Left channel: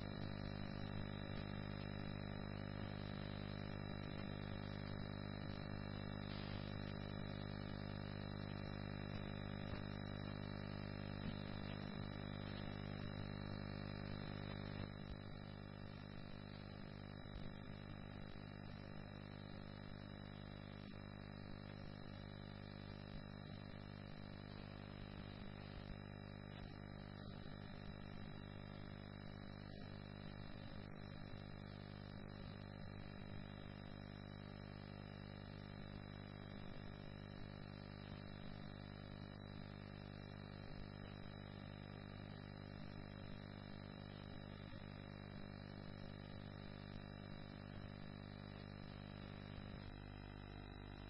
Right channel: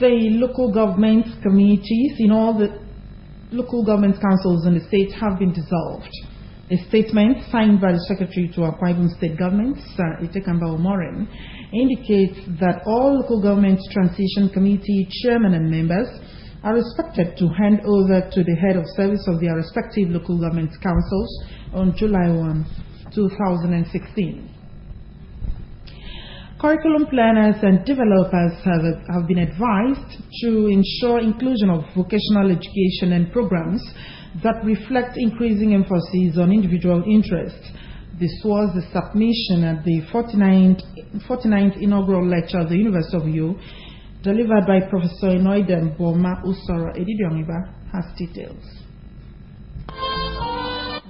The local government committees in all the local government councils in the state have been dissolved. A statement signed by the Secretary to Akwa Ibom State Government, Sir Itekamba Omoren, indicates that all local government transition committee chairmen and members are expected to hand over to the head of service of their respective local government councils on July 1, 2016. Curriculum planners and developers have been advised to ensure inclusion of vocational education and programs that reflect increasing emphasis on individual interests. This was the submission at the 49th inaugural lecture of the University of Uyo, delivered by Professor Enoidem Boma Usoro. Edidiongiba has details.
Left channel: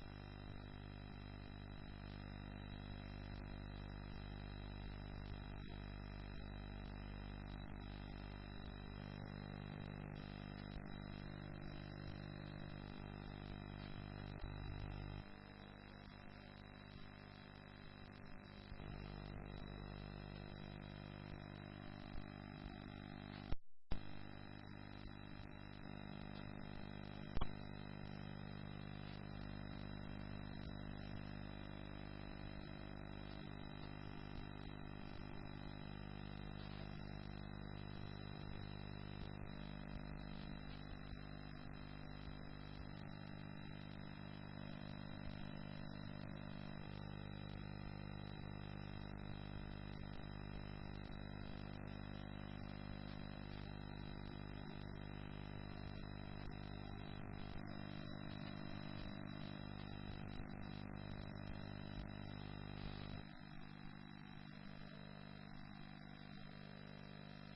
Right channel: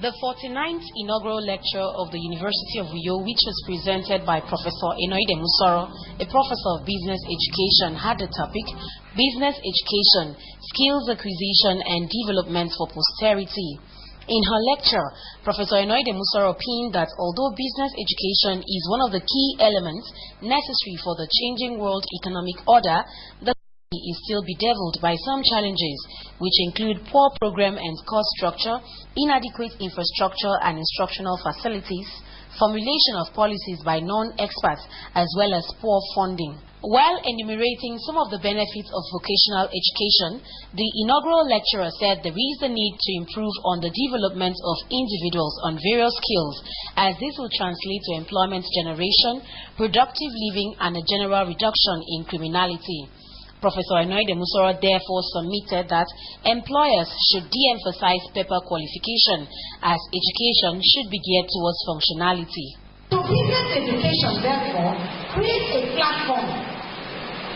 The 49th inaugural lecture of the University of Uyo, which was presented by Professor Enoidem Usoro, a professor of business education, had the topic Business Education, Skills Acquisition and Development for Posterity. In her lecture, Professor Enoidem Usoro opined that although business education is one of the key elements necessary for the changing world economic order, the is still bedeviled by some challenges, which include poor program and cost structure, inadequate infrastructure and instructional facilities, formulation of policies by non-experts, as well as poor funding. While enumerating some of the benefits of vocational education, the inaugural lecturer said there is a need to improve on the development of individuals on various skills, as this will translate to employment generation, productive living, and a general reduction in criminality. Professor Enoidem Usoro therefore submitted that employers should de-emphasize paper qualification, as education should be geared towards functionality. So business education therefore creates a platform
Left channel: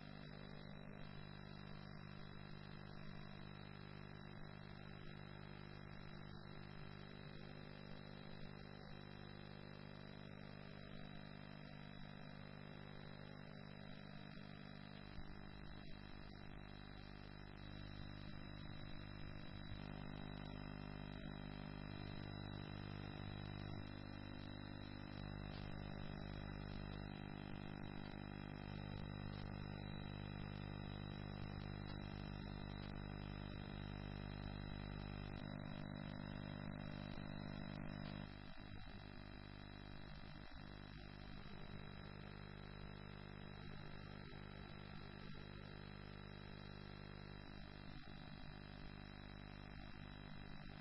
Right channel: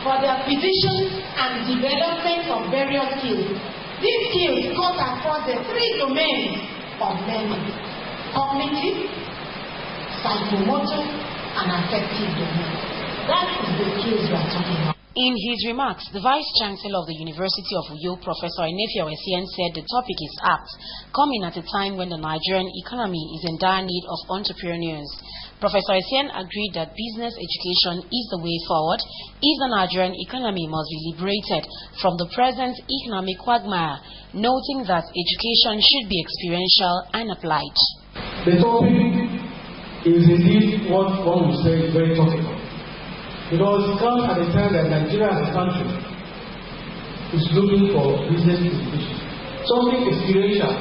for the acquisition and development of various skills. These skills cut across the three domains of learning: cognitive, psychomotor, and affective domain. That is the skills we are talking about. In his remarks, the Vice-Chancellor of the University of Uyo, Professor Enefiawesian, said the topic is apt, coming at a time when the Nigerian economy is in dire need of entrepreneurs. Professor Essien agreed that business education is the way forward if the Nigerian economy must be liberated from the present economic quagmire, noting that education should be experiential and applied. The topic is indeed what one would say is very topical, because it comes at a time that Nigeria as a country is looking for business education, something experiential,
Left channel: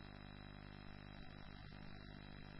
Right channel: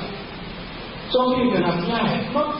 something you can apply, not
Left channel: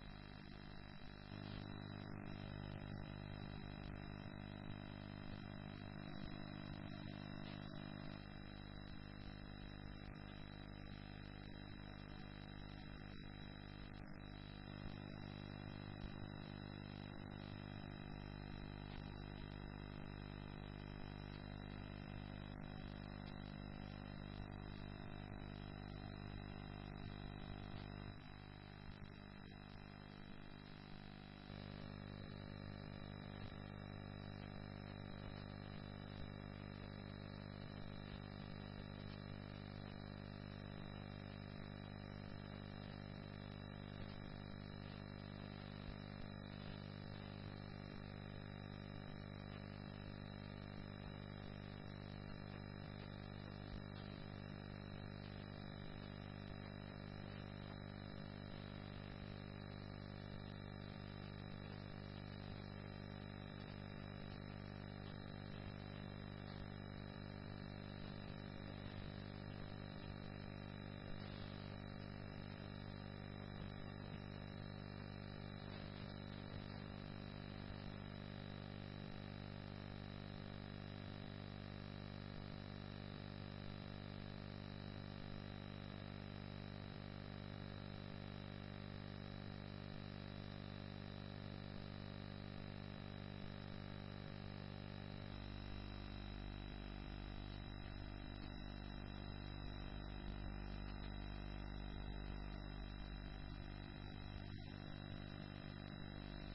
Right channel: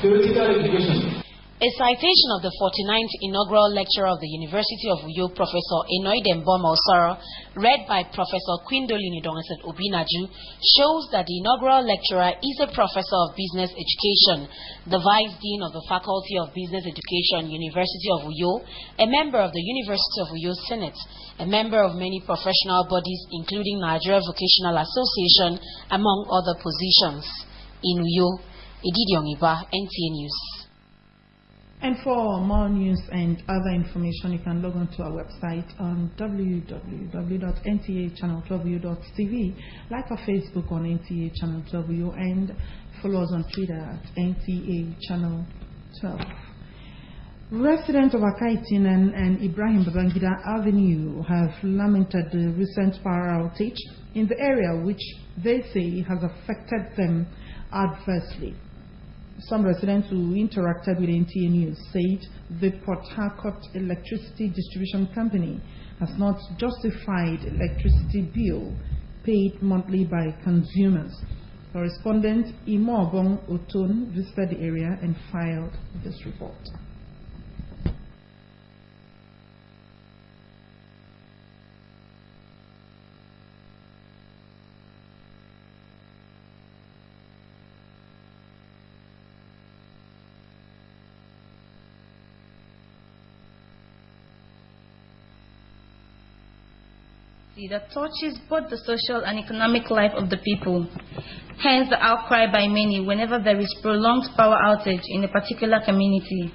theoretical education. A citation of the 49th inaugural lecture of the University of Uyo, Professor Enoidem Boma Usoro, read by Professor Quindolini Dongeset Obinaju, shows that the inaugural lecturer is a professor of business education, the Vice Dean of the Faculty of Business Education, University of Uyo, a member of the University of Uyo Senate, a member of many professional bodies including Nigeria Vocational Association, among other positions. In Uyo, Edidiongiba, NTA News. And for more news and other information, you can log on to our website on www.ntachannel12u.tv, like our Facebook on NTA Channel 12U, and follow us on Twitter at NTA Channel 12. Residents of Akaitin and Ibrahim Babangida Avenue have lamented the recent power outage in the area, which they say has affected them adversely. Some residents who interacted with NTA News said the Port Harcourt Electricity Distribution Company has not justified electricity bill paid monthly by consumers. Correspondent Imo Obong Oton visited the area and filed this report. That touches both the social and economic life of the people. Hence the outcry by many whenever there is prolonged power outage in a particular community.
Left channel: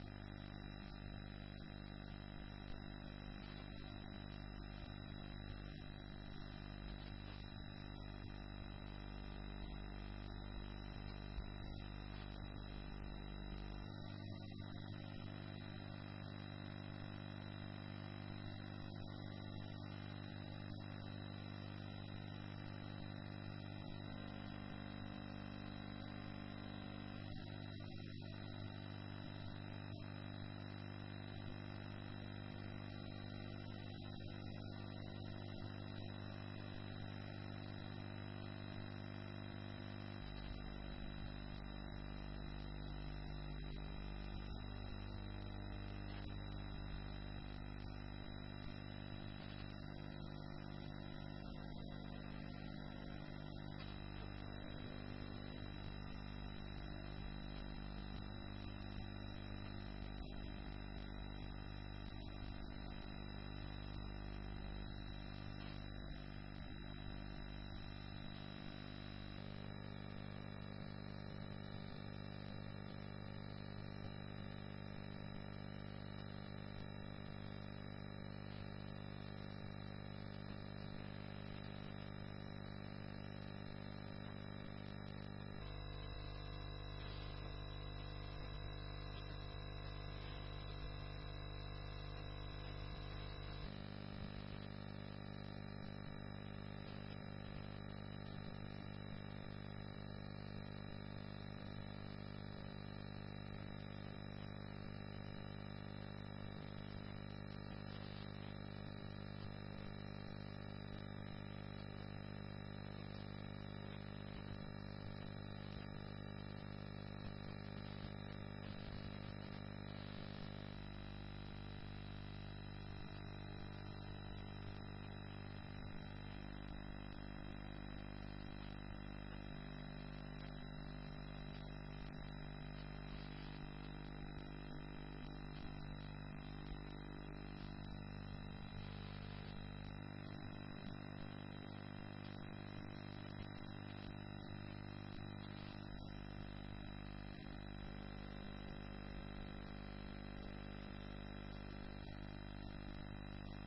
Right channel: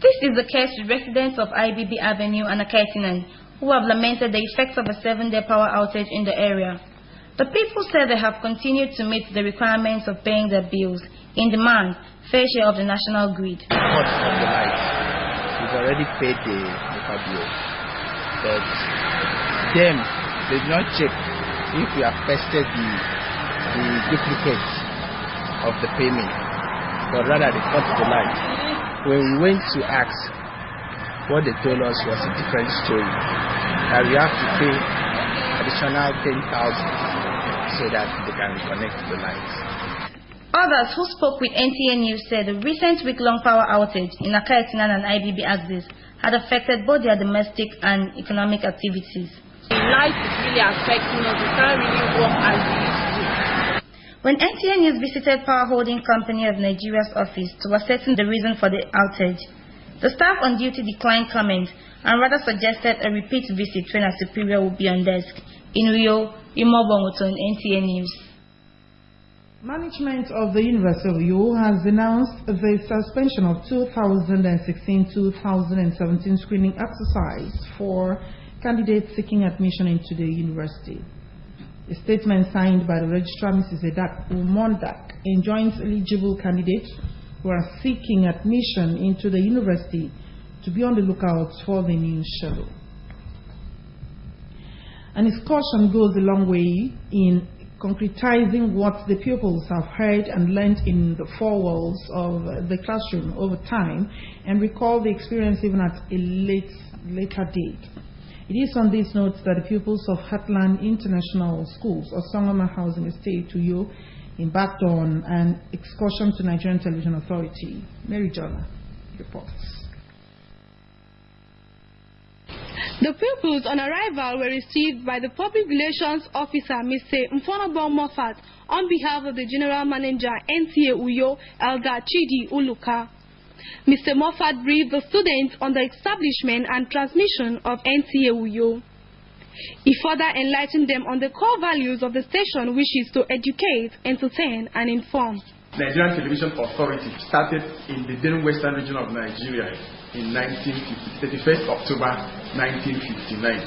This is the case with residents of IBB Avenue and Akaitinan, who have lamented the effects of a 7-day power outage in the area. The people say they have continued to meet the requirements of paying their bills in demand, fair share of the national grid. Cost of the light. We've already paid the bill, but them, they did not check if we have tested the duplicates of the payment, but rather they cut the line. When we went to ask, what they told us was a different story, that we have to pay additional 10,000 so that they can reconnect the lines. Others who spoke with NTA News said the recent week-long power outage in Akaitinan and IBB axis had affected both their domestic and economic activities. The light is really affecting us. We can't really work as we used to. When NTA News visited Power Holding Company of Nigeria's office to ascertain the reason for the outage, the staff on duty declined comment and rather suggested a repeat visit when a superior would be on desk. In Uyo, Imobongoton, NTA News. Management of the University of Uyo has announced the suspension of 2016-2017 screening exercise for candidates seeking admission into the university. A statement signed by the registrar, Mrs. Edak Umondak, enjoins eligible candidates who are seeking admission into the university to be on the lookout for the new schedule. And its caution goes a long way in concretizing what the pupils have heard and learned in the four walls of the classroom over time and recall the experience even at a later date. It is on these notes that the pupils of Heartland International Schools or Sangoma Housing Estate to you embarked on an excursion to Nigerian Television Authority. Mary Jonna reports. The pupils on arrival were received by the Public Relations Officer, Mr. Mfonobon Moffat, on behalf of the General Manager, NTA Uyo, Elder Chidi Uluka. Mr. Moffat briefed the students on the establishment and transmission of NTA Uyo. He further enlightened them on the core values of the station, which is to educate, entertain, and inform. Nigerian Television Authority started in the then western region of Nigeria in 31st October 1959.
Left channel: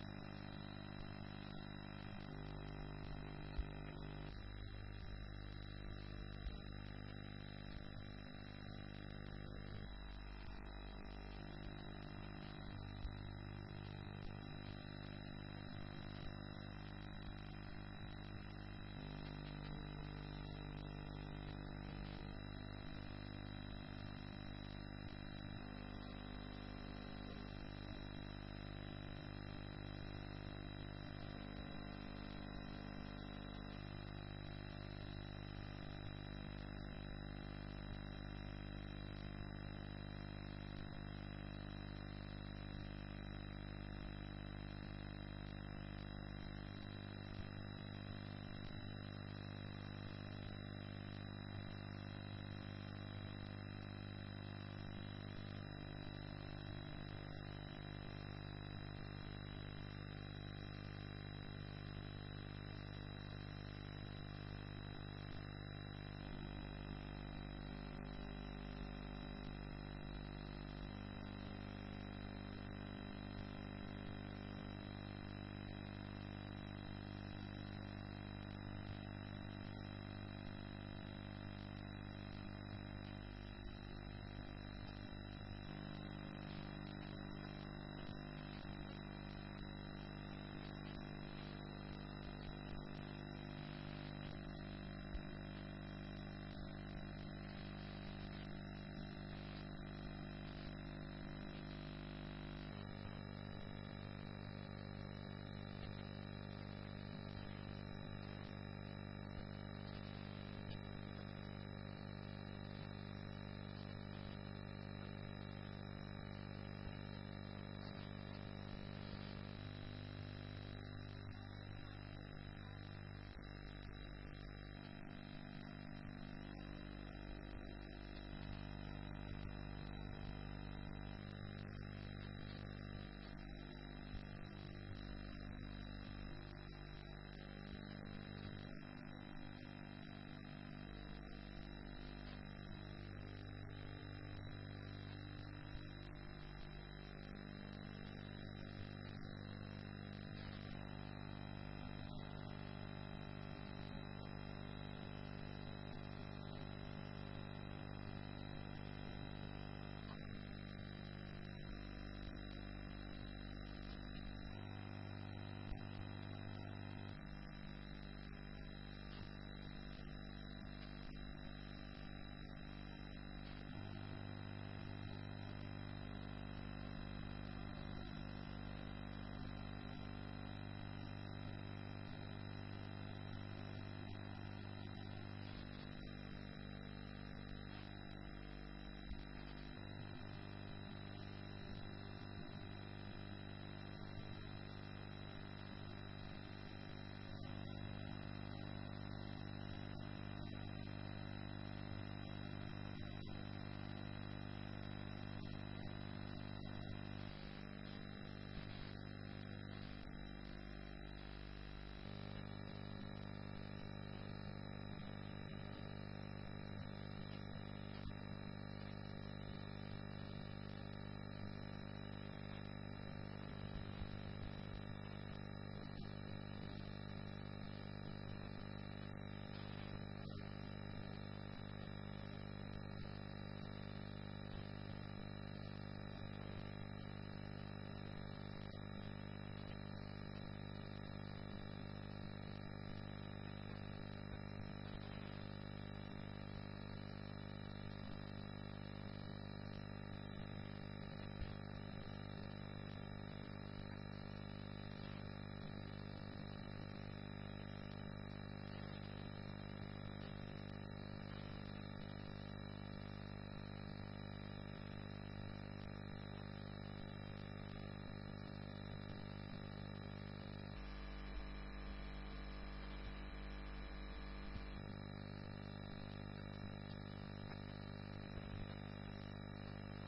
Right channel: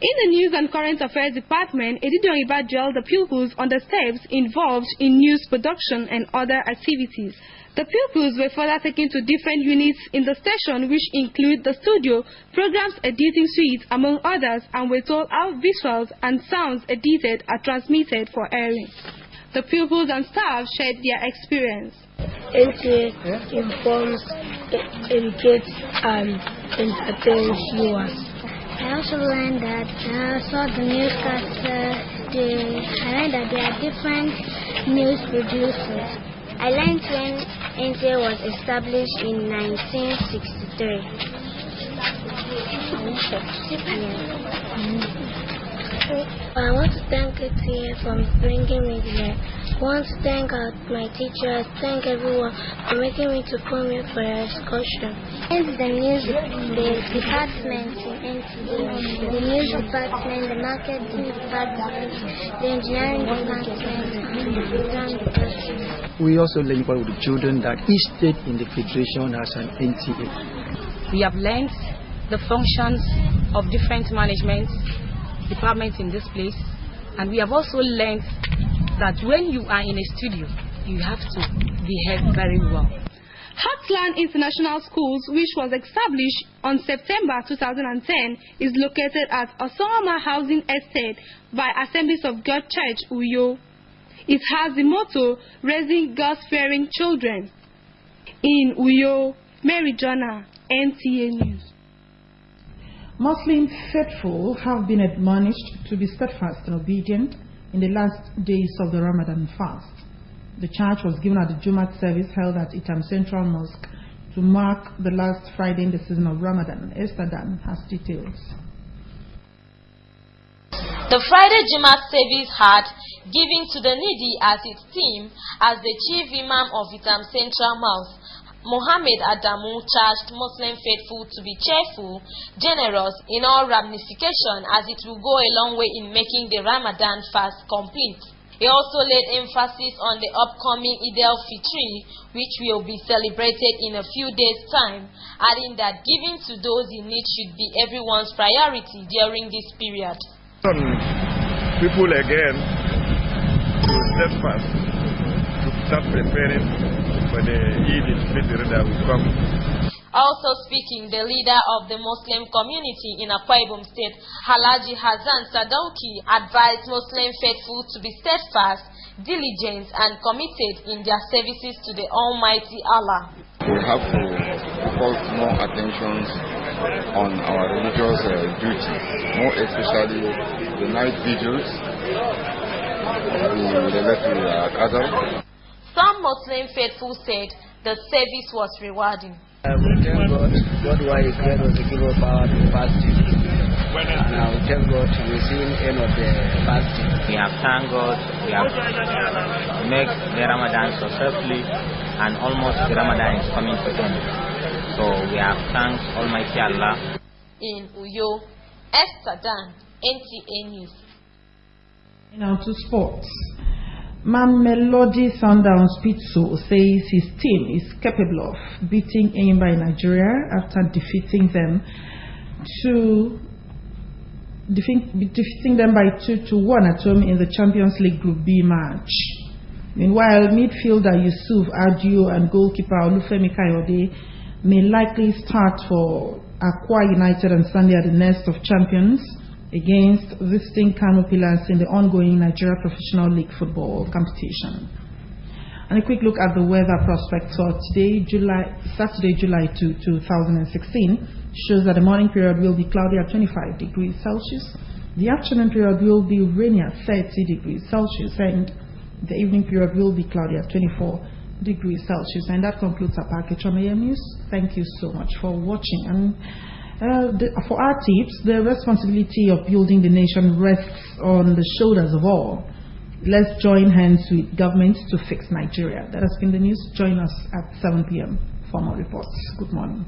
In the News and Current Affairs Department, Editor Ibadjel the pupils on the steps involved in news production and other activities. The pupils were further taken to different units in the station, which include the studio, programs editing suite, among others, and were told how visuals and sounds edited are transmitted for airing. The pupils and staff shared their experience. NTA informs, educates, and entertains viewers. I also learned that I saw the newscaster. I learned that there are different news producers. I learned when NTA was established in 1963. I want to thank NTA for bringing me here. I want to thank my teachers, thank everyone for making me to come here for an excursion. And the department in NTA, the news department, the marketing department, the engineering department, and the program department. We also learn about the children that each state in the federation has an NTA. We have learned the functions of different management departments in this place, and we have also learned that when you are in a studio, you have to behave very well. Heartland International Schools, which was established on September 2010, is located at Osama Housing Estate by Assemblies of God Church, Uyo. It has the motto, Raising God-Fearing Children. In Uyo, Mary Jonna, NTA News. Muslim faithful have been admonished to be steadfast and obedient in the last days of the Ramadan fast. The charge was given at the Jumat service held at Itam Central Mosque to mark the last Friday in the season of Ramadan. Esther Dan has details. The Friday Jumat service had Giving to the Needy as its theme as the chief imam of Itam Central Mosque. Mohammed Adamu charged Muslim faithful to be cheerful, generous in all ramification, as it will go a long way in making the Ramadan fast complete. He also laid emphasis on the upcoming Eid al-Fitr, which will be celebrated in a few days' time, adding that giving to those in need should be everyone's priority during this period. People again to steadfast to start preparing for the Eid al-Fitr that will come. Also speaking, the leader of the Muslim community in Akwa Ibom State, Halaji Hassan Sadauki, advised Muslim faithful to be steadfast, diligent, and committed in their services to the Almighty Allah. We have to focus more attention on our religious duty, more especially the night vigils, Some Muslim faithful said the service was rewarding. We thank God. God why He created us to give us power to fasting. Now we thank God we're seeing the end of the fasting. We have thanked God. We have made the Ramadan successfully, and almost the Ramadan is coming to an end. So we have thanked Almighty Allah. In Uyo, Esther Dan, NTA News. Now to sports. Mamelodi Sundowns Pitso says his team is capable of beating Enyimba in Nigeria after defeating them by 2-1 at home in the Champions League Group B match. Meanwhile, midfielder Yusuf Adio and goalkeeper Olufemi Kayode may likely start for Akwa United on Sunday at the Nest of Champions against visiting Kano Pillars in the ongoing Nigeria Professional League football competition. And a quick look at the weather prospects for today, Saturday, July 2, 2016, shows that the morning period will be cloudy at 25 degrees Celsius, the afternoon period will be rainy at 30 degrees Celsius, and the evening period will be cloudy at 24 degrees Celsius. And that concludes our package from AM News. Thank you so much for watching. And for our tips, the responsibility of building the nation rests on the shoulders of all. Let's join hands with governments to fix Nigeria. That has been the news. Join us at 7 p.m. for more reports. Good morning.